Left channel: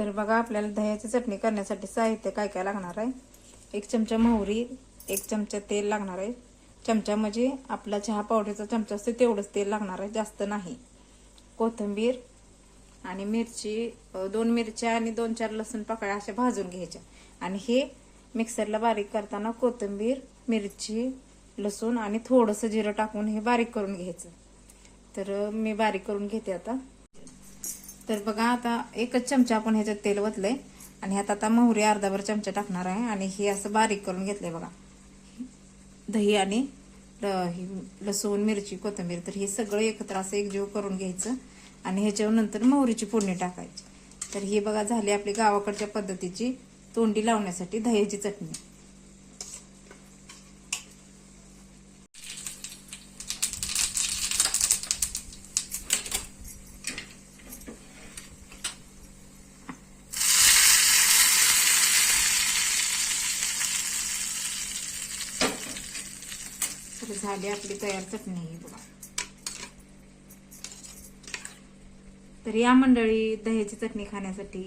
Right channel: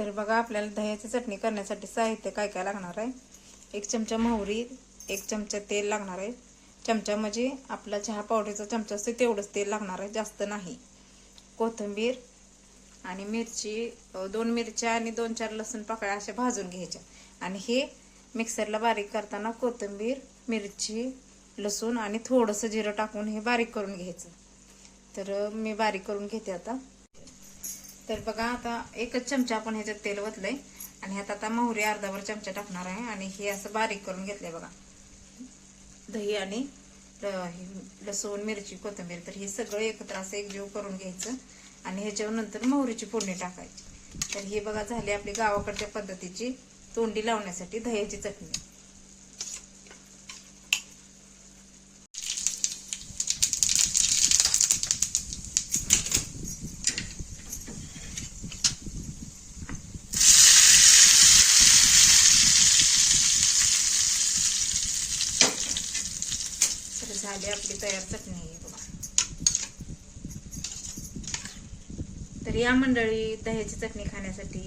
तर बघा आपल्याला दह्याची चटणी करण्यासाठी साहित्य काय काय लागणार आहे। 1 चमचा मोहरी, 1 चमचा तेल लागणार आहे। चमचा म्हणजे आपला चहा पावडरचा चमचा असते तेवढंच तेल लागणार आहे, जास्त नाही। कोथिंबीर आणि मिरची, 2 मिरच्या आणि 2-4 लसूण पाकळ्या अशा भाजून घ्यायच्या। आणि हे मिक्सरला बारीक करताना कोथिंबीर, मिरची, लसूण आणि थोडंसं जिरं टाकून हे बारीक करून घ्यायचं। तर मी बारीक करून घेते आता। तर बघा आता 1च चमचा आपण ह्याच्यात तेल वतलंय आणि ह्यात आता मोहरी अर्धाभर चमचा टाकणार आहे आणि हे असं बारीक करून घेतलंय बघा। दही आणि लसूण, मिरची, कोथिंबीर, तर हे सगळं एकत्र असं एकजीव करून घ्यायचं आणि ह्याच्यावर नंतर मोहरीची फोडणी टाकायची। तर हे बघा झाली आपली गावाकडच्या पद्धतीची तोंडी लावण्यासाठी दह्याची चटणी। तर झाली आपली तयार चटणी आहे बघा। तर या मंडळी दह्याची चटणी खाण्यासाठी